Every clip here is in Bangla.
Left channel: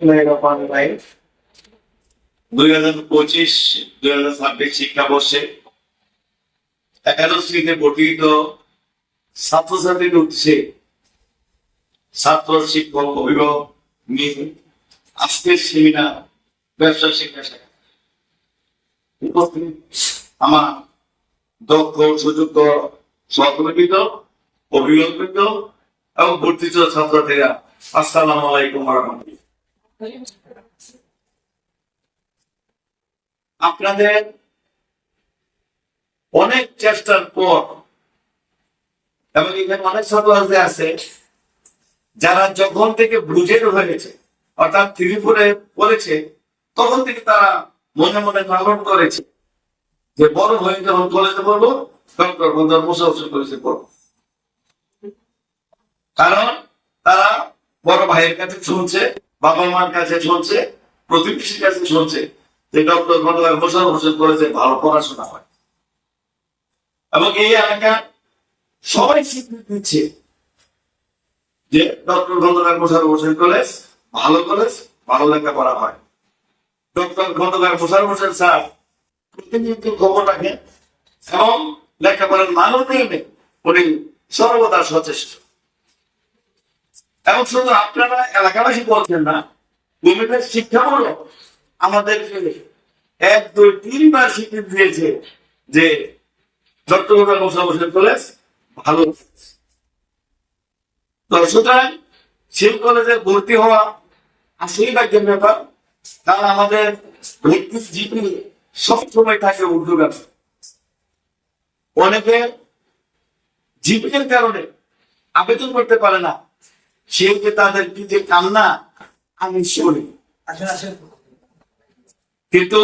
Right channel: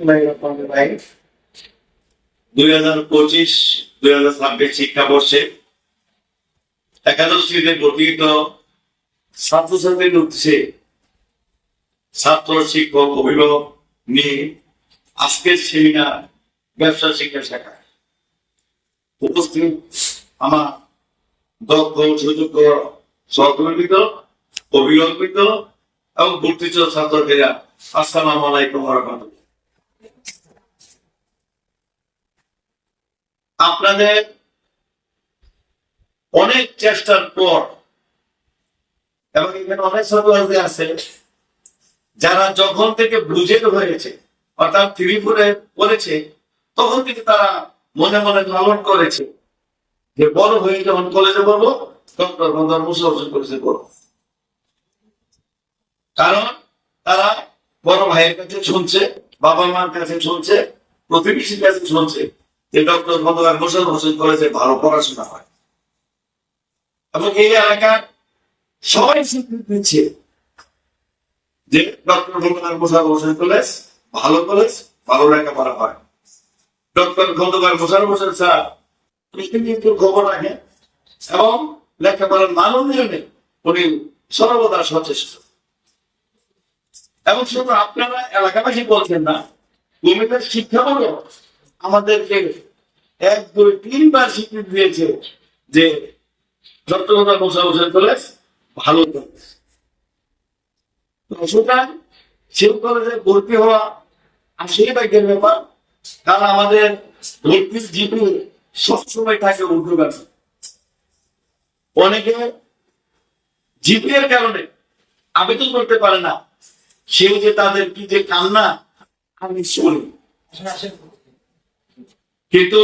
2025-2026 শিক্ষাবর্ষে একাদশ শ্রেণীতে ভর্তিত ছাত্রছাত্রীদের উদ্দেশ্যে ছাত্র, শিক্ষক, অভিভাবক নিয়ে আজকের সেমিনার ব্যবসা শিক্ষা শাখা উপস্থিত আমার দক্ষ, সুযোগ্য সহকর্মীবৃন্দ, অভিভাবকবৃন্দ এবং ভর্তিত ছাত্রছাত্রীরা, আসসালামু আলাইকুম ওয়া রাহমাতুল্লাহ। আপনাদের অনেক চেষ্টার পর এবং এখানে অনেক ছাত্রছাত্রী আছে যারা যখন থেকে বুঝের হয়েছে অর্থাৎ 3-4 পড়েছে তখন থেকে তারা মনে মনে লালন করেছে যে বড় হয়ে যখন কলেজে পড়বো ডক্টর মোহাম্মদ মোশাররফ কলেজে পড়বো। কারণ তারা বড় ভাইয়ের কাছে শুনছে, বাবা মার কাছে শুনছে, প্রতিবেশীর কাছে শুনছে যে ডক্টর মোহাম্মদ মোশাররফ কলেজে ভালো পড়াশোনা হয় এবং এই এলাকার সবাই স্বীকৃতি দিচ্ছে যে ডক্টর খন্দকার মোশাররফ কলেজ ভালো কলেজ, ভালো লেখাপড়া হয়। ডক্টর খন্দকার মোশাররফ স্যার প্রতিনিয়ত খবর রাখেন এবং লেখাপড়ার মান উন্নয়নে উনি সর্বদা সচেষ্ট। এবং শুধু আপনারা এলাকাবাসী বলছেন না, কুমিল্লার শিক্ষা বোর্ড আমাদেরকে 1-2-3 বার স্বীকৃতি দিয়েছে যে ডক্টর মোশাররফ কলেজ ভালো কলেজ। তো সুতরাং সেই কলেজে ভর্তি হওয়া আসলেই ভাগ্যের ব্যাপার, কারণ আমাদের ভর্তির জিপি সবসময় থাকে ঊর্ধ্বগামী। অনেকে জিপি এর কারণে আবেদন করতে পারে না, সেই যে তাদের কি যে কান্না আমি শুনি। কিন্তু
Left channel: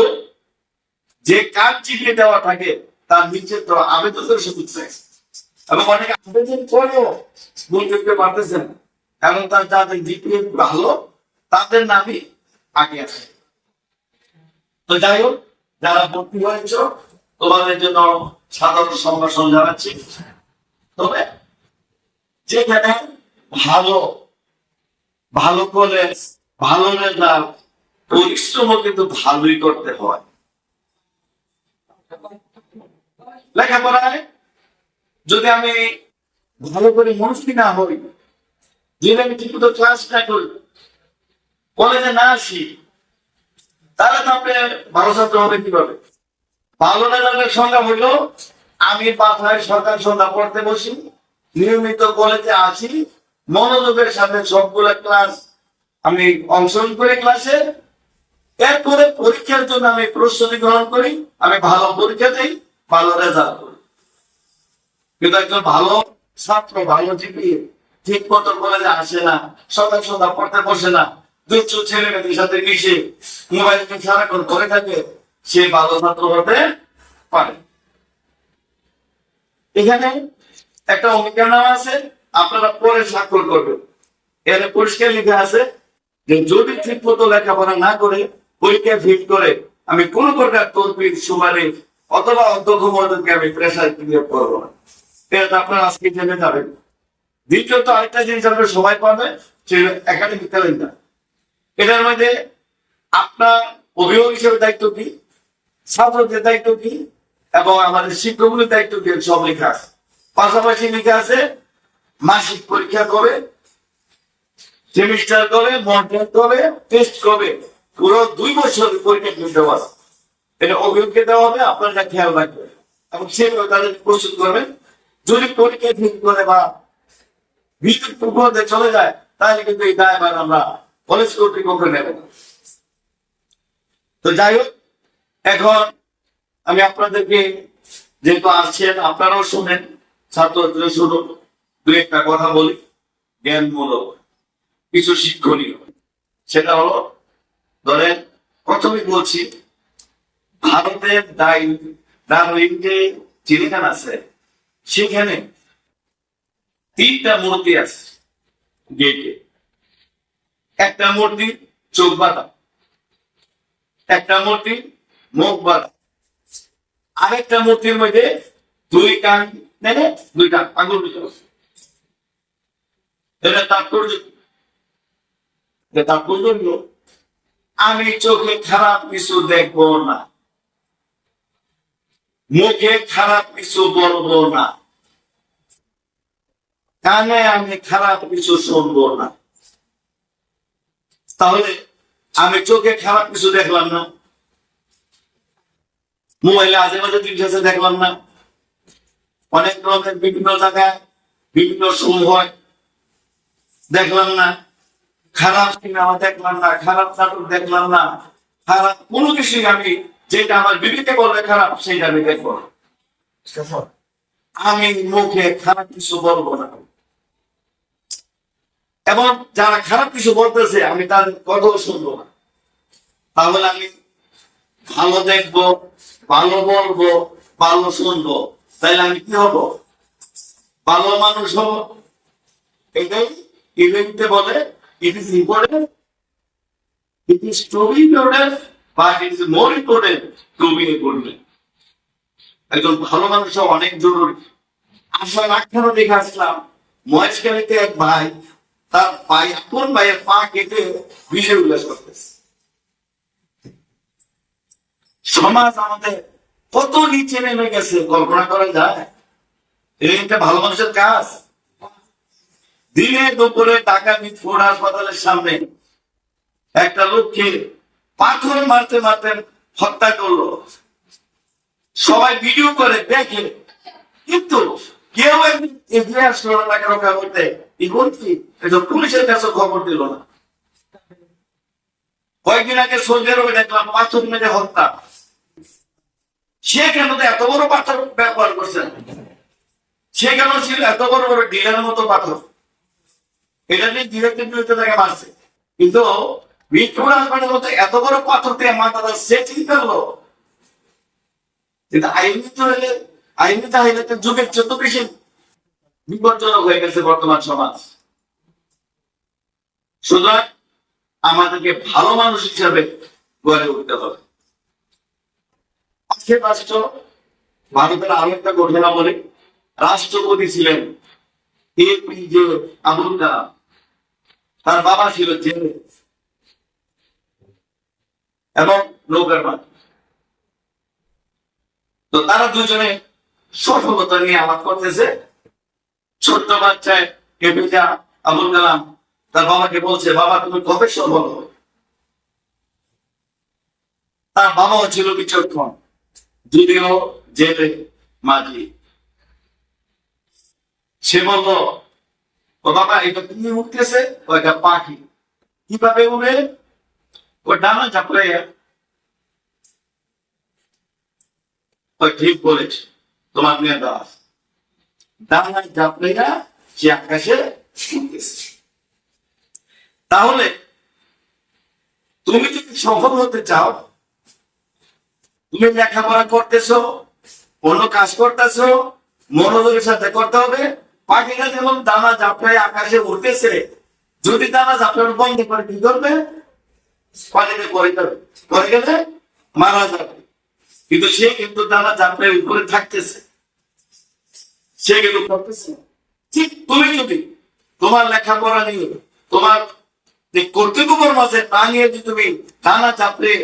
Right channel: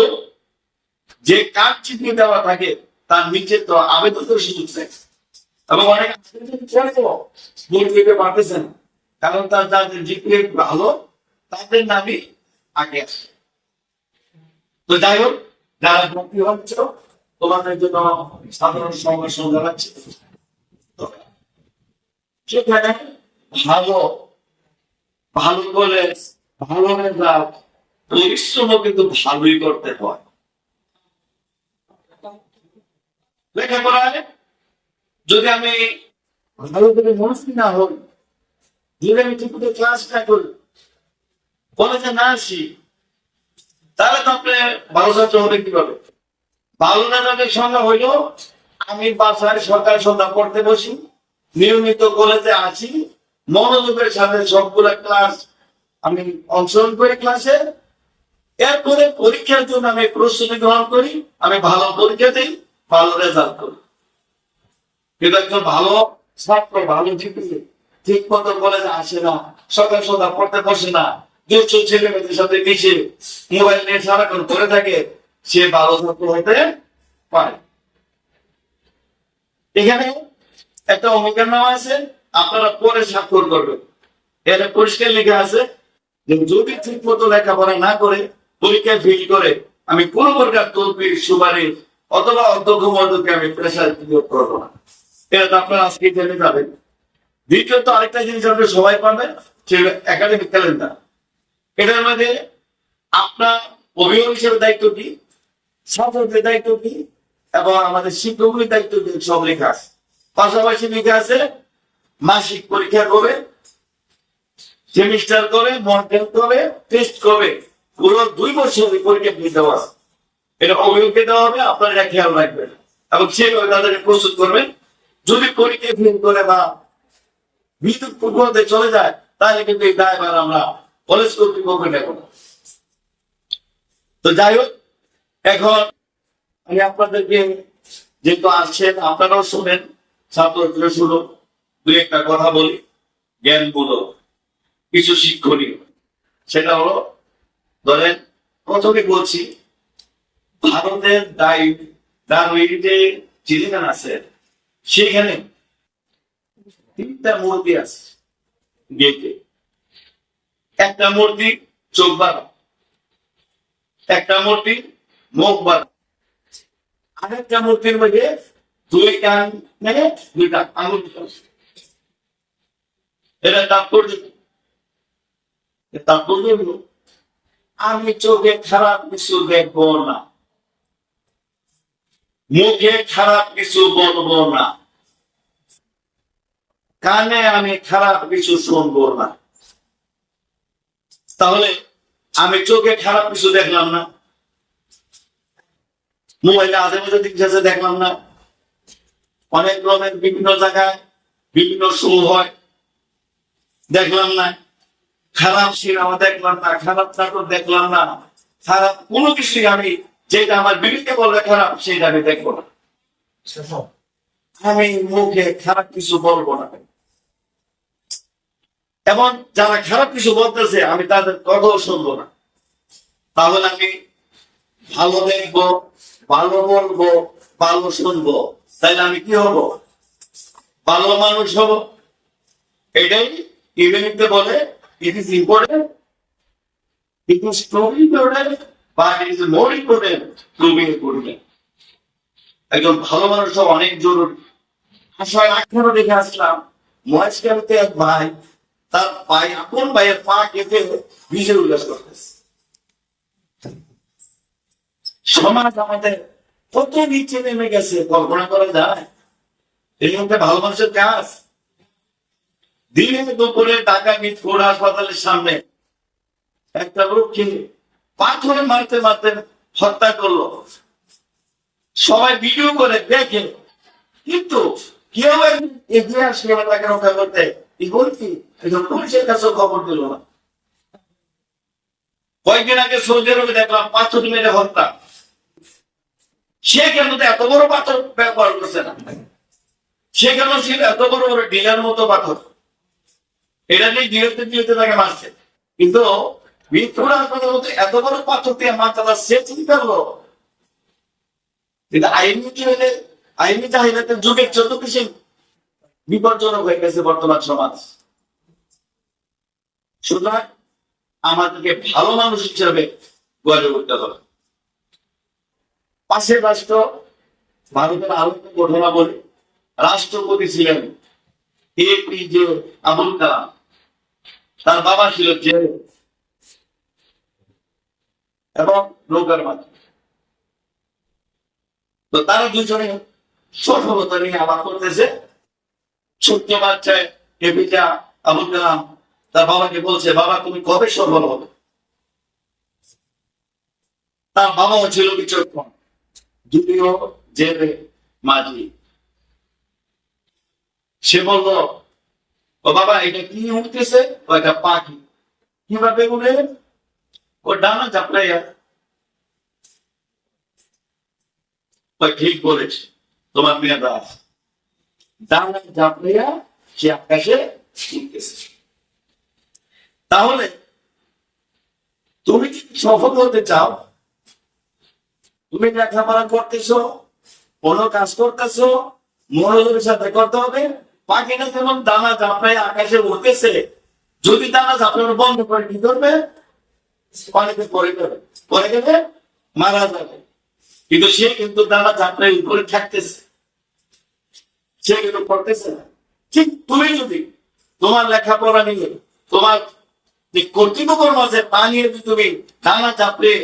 যে কাজ জিপি দেওয়া থাকে তার নিচে তো আবেদনের সুযোগ থাকে এবং অনেকে আবেদন করেও ভর্তি হইতে পারতেছেন কারণ তার যাদের জিপি ভালো তাদের নামই আগে আসে। তো যাই হোক, যারা ভর্তি হয়েছ তোমাদের জন্য সাধারণ সম্ভাষণ জানাচ্ছি। তবে যেখানে ভালো ভালো কলেজ, ভালো রেজাল্ট, পরিশ্রম কিন্তু ভালোই করতে হয়। লেখাপড়ায় যদি আমি ভালো করে মনস্থির না হই, যদি আমি ঠিক মতো ক্লাস না করি, কলেজে না আসি, তাহলে তো আপনি ভালো ছাত্র হবে কিভাবে? ভালো রেজাল্টের সংজ্ঞা হইল আমি বাসায় সকাল সন্ধ্যা পড়তে বসি, নিয়মিত কলেজে আসি, মনোযোগের সাথে সবগুলো ক্লাস আমি অংশগ্রহণ করি ক্লাসে, এরপরে পরীক্ষার জন্য আমি প্রস্তুতি গ্রহণ করি, আমি ভালো পরীক্ষা দিই, ভালো রেজাল্ট করি। কিন্তু একজন ভালো ছাত্র, ভালো জিপি ঠিক মতো কলেজে আসে না, সকাল সন্ধ্যা পড়তে বসে না, দুষ্ট ছেলে মেয়েদের সাথে মিশে মোবাইল নিয়ে সারাক্ষণ করে থাকে, সে ভালো ছাত্র হতে পারে। এখানে একটা অঙ্গীকারনামা আছে, আপনারা পরে স্বাক্ষর করবেন। এখানে পরিষ্কার লেখা আছে যে যদি ঠিক মতো লেখাপড়া না করে পরীক্ষায় ফেল করে আমি কোন প্রকার তদবির, সুপারিশ অথবা অধ্যক্ষ মহোদয়কে আমি প্রেসার ক্রিয়েট করবো না। এটা আপনারা আজকে জেনে যাবেন। দ্বিতীয়ত আরেকটা জিনিস আপনি সবাই পাবেন, সেটা একাডেমিক ক্যালেন্ডার। এটার মধ্যে আপনার অভিভাবক হিসেবে দায়িত্ব কি, ছাত্রদের দায়িত্ব কি এবং আমাদের শিক্ষকদের দায়িত্ব কি, সব লেখা আছে। পাশাপাশি লেখা আছে মাসিক পরীক্ষা করে, সেমিস্টার করে, মডেল করে, টেস্ট করে, পুরো 2 বছর পরীক্ষা দিতে হবে। এটা অভিভাবককে দেওয়া হবে, আপনারা এটা খেয়াল রাখবেন এবং সেভাবে তাদেরকে প্রস্তুত করবেন। যদি পরীক্ষা ফেল করে বা বিদ্যুৎ প্রকল্পে চলে যায় তাহলে কিন্তু এই দায়ভার আমরা কলেজ কর্তৃপক্ষ নেব। তো যাই হোক, এখন আমি আপনাদেরকে যেহেতু আসছেন আপনারাও শুনেন, ছাত্রদের শুনুন, 2-1টা কথা বলি জ্ঞানমূলক, কিছু শিক্ষণীয়। সেটা হলো, ধরেন প্রথমে বলছি ভারতের ডারউইন যে চিড়িয়াখানা আছে সেখানে 3টা মূর্তি আছে গেটে। একটা মূর্তি চোখ বাঁধা, একটা মূর্তি মুখ বাঁধা, আরেকটা মূর্তির মধ্যে 2 কান নেবে, 2টা আঙুল ভিতরে। এটা তাৎপর্য হলো আমি চোখে খারাপ কিছু দেখবো না, মুখে খারাপ কিছু বলবো না, কানে আমি খারাপ কিছু শুনবো না। তাহলে আমি চোখে খারাপ কিছু দেখলাম না, মোবাইলে আজে বাজে জিনিস আছে দেখলাম না, অনেক রকমের বিভিন্ন জায়গায় বিভিন্ন শো হয় দেখলাম না, খারাপ সিনেমা দেখলাম না, খারাপ নাটক দেখলাম না, খারাপ কোনো কিছুই আমি যেটা আমার বিবেকে বললে খারাপ সেটা আমি দেখবো না। আমি মুখে খারাপ কিছু বলবো না, এবং যারা খারাপ কিছু বলতেছে আমি তাদের কথাও শুনবো না। তাহলে আমি ভালো দেখবো, ভালো বলবো, ভালো শুনবো, তাইলে আমি কি হব? ভালো মানুষ হব। এটাই ইভেন্টে বলে it is important, it is to be important, but it is more important to be important. একজন ভালো মানুষ হওয়া অনেক জরুরি। আসার আখ্যানও দেখে আসলাম, মহেশখালীতে এক ভাই তার ভাই আপন ভাইয়ের পা কেটে বিষে উল্লাস করতেছে। সমাজ আমাদের কত নিচে নেমে গেছে কল্পনা করা যায়? এটা ভালো মানুষের কাজ? দিনে দুপুরে ঢাকা মিটফোর্ড হাসপাতালের সামনে একটা লোককে পাথর মারতে মারতে হত্যা করলো, সবাই ভিডিও করে দেখে, কিন্তু কেউ এগিয়ে আসলো না তাকে রক্ষা করতে। কি পুলিশের কাছে খবর দিল না। কয়েকদিন আগে সৌদি আরবে দেখলাম পাথর মেরে হত্যা। সে কেন এত বড় পাথর ব্যবহার করছে না? সে কেন ছিল এত বড় বড় ডিলের মতো পাথর? এটা নিয়ে ডিরেক্টে তাকে মারছে, কিন্তু মিটফোর্ড হাসপাতালের মতো এত বড় পাথর দিয়ে মাথাটা সে চিন্তা করলো। কিন্তু আইনি চাহিদাতে যুগের যত বেশি বিপজ্জনক হয়ে গেছে বর্তমান সমাজ। সুতরাং আমাদেরকে ভালো মানুষ হিসাবে গড়ে উঠতে হবে। পাশের রাষ্ট্র ভারতের আরো একটা ঘটনা বলে, রাষ্ট্রপতি ছিলেন APJ আবুল কালাম, তার বাবা ছিল জেলে এবং নৌকার মাঝি। তো তারা দুজনে সফলতা নিয়ে আলাপ করতেছে। ছোট্ট বাচ্চায় APJ আবুল কালাম তার বাবাকে বলছে, বাবা তুমি কবে সফল হবে? তার বাবাও ছিল বিচক্ষণ, যদিও জেলে মাঝি। সে বলল, ও বাবা এটা কি উঠতেছে? ও একটা পাখি। কিভাবে উড়ে? ও ডানা ঝাপড়াইয়া। ঠিক বলেছে তোমার মেয়ে দাস, ডানা ঝাপড়াইয়া সে আকাশে উঠতেছে। তাহলে তুমি যদি সফল হতে চাও, তুমি লেখাপড়া করতেছো, কোনো কাজ করতেছো, মনোযোগের সাথে করতে হবে। পাখিটা যেমন দানা ঝাপড়ায় আকাশে উঠতেছে, যদি দানা ঝাপড়ানো বন্ধ করে কি করবে? পানিতে পড়ে যাবে, পড়ে গেলে মারা যাবে। কিন্তু সে কিন্তু দানা ঝাপড়ায় উপরে থাকতেছে, সে কিন্তু করতেছে না। ঠিক তুমি যদি তোমার লেখাপড়া নিয়ে, তোমার কর্তৃপক্ষের মাঝে তা নিয়ে যদি তুমি দানা ঝাপড়ে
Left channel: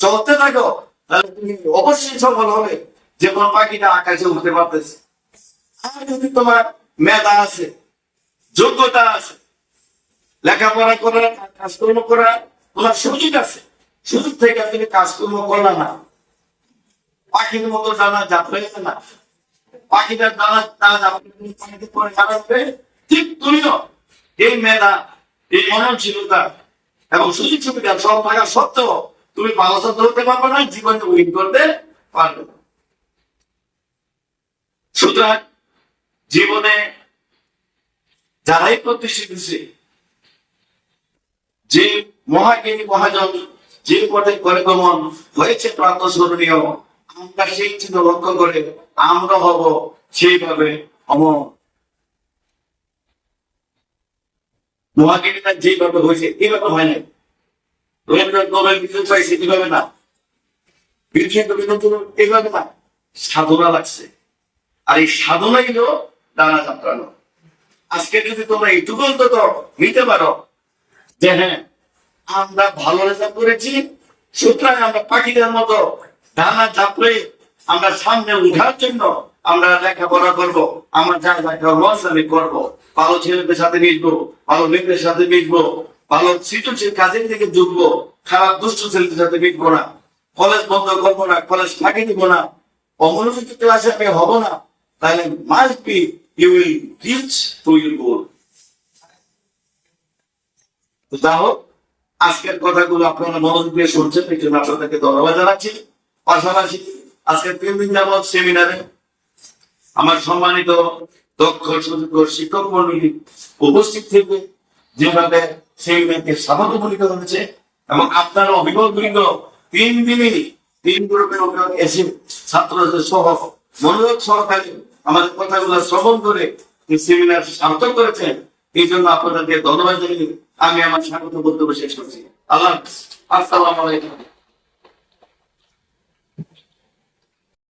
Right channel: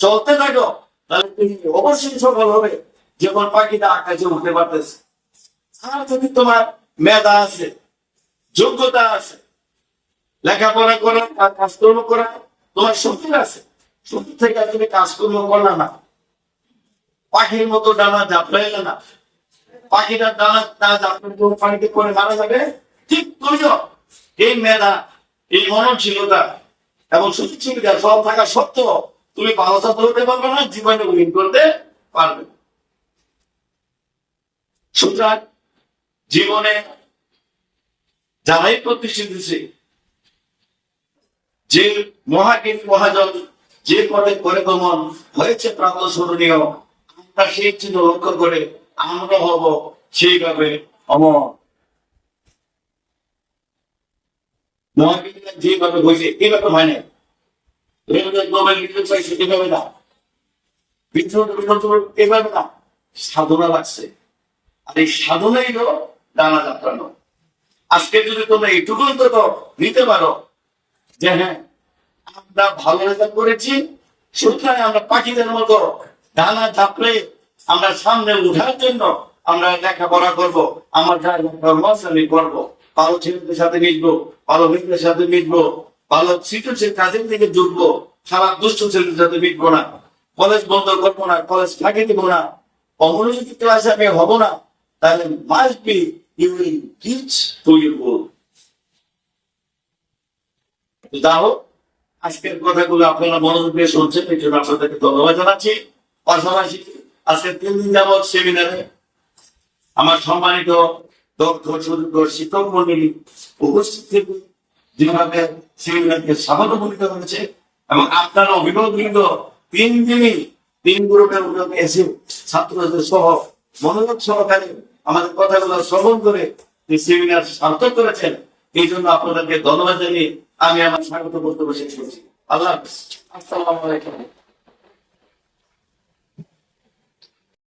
চলতে থাকো, তাহলে তুমি অবশ্যই সফল হবে, যেমন পাখিটা আকাশে উঠতে পারতেছে। আর যদি তোমার মেধা আছে, যোগ্যতা আছে, লেখাপড়া করার, কাজকর্ম করার তোমার সুযোগ আছে, সুযোগ থেকে তুমি কাজকর্ম করলে না, পাখির মতো ডানা ঝাপড়াইলে না, পাখিটার ডানা ঝাপড়ে পানিতে পরে মারা যাবে। ঠিক তুমিও এই মেধা, এই মননশীলতা এবং সুযোগ সুবিধা সব থাকা সত্ত্বেও তুমি ভালো ছাত্র হতে পারবে না, জীবনে উইন করতে পারবে না। সুতরাং জীবনে যারাই প্রতিষ্ঠিত দিচ্ছে, যে মহাজ্ঞানী মহাজন যে পথে করে গমন হয়েছে প্রাতঃস্মরণীয়, আমরা সেই চিহ্ন লক্ষ্য করে আমরা হব সেইভাবে অমর। মহাজ্ঞানীরা যেভাবে হয়েছে এইভাবে হয় নাই। রবীন্দ্রনাথ নোবেল বিজয় পাইছে এভাবে না, এভাবে না, সাধনা লাগছে। আর এই সাধনাই হলো ডানা ঝাপটানো। আজকে যদি তোমরা এইটুকু অন্তত নিতে পারো যে হ্যাঁ আমরা ভালো রেজাল্ট করেছি, সুতরাং আমরা পাখিদের মতো ডানা চাপড়ে আমরা সামনে উঠার জন্য আমরা লেখাপড়া করব, আমার যা লস আমি করবো, ভালো ছেলেদের সাথে মিশবো, ভালো মেয়েদের সাথে মিশবো, ভালো সৃজনশীল কাজের দিকে ঢুকবো, খারাপ দুষ্ট ছেলেদের সাথে মিশবো না, কলেজ বন্ধ করবো না, কলেজ ফাঁকি দিব না, অমনোযোগী ক্লাসে আমি হব না, তাহলে must be you will reach to your goal. যা হোক, আজকের কথাগুলো আপনারা মনোযোগ দিয়ে শুনছেন, এই জন্য আপনাদেরকে ধন্যবাদ জানাচ্ছি। পাশাপাশি আজকের 3 দিন যাবৎ সেমিনারে আমার সম্মানিত দক্ষ সুযোগ্য শিক্ষক মন্ডলী উপস্থিত থেকে যেভাবে সেমিনারকে স্বাগতমূলিত হয়েছে এবং আপনার অভিভাবকবৃন্দ 3 দিনই 3 গ্রুপের অভিভাবক এসে ছাত্রদের সহ মনোযোগ সহকারে আমাদের কথাগুলো শ্রবণ করে এই সেমিনার সার্থক করেছেন, এই জন্য আপনাদেরকে ধন্যবাদ জানিয়ে আমি আমার স্বাগত বক্তব্য শেষ করছি। আল্লাহ হাফেজ। আসসালামু আলাইকুম।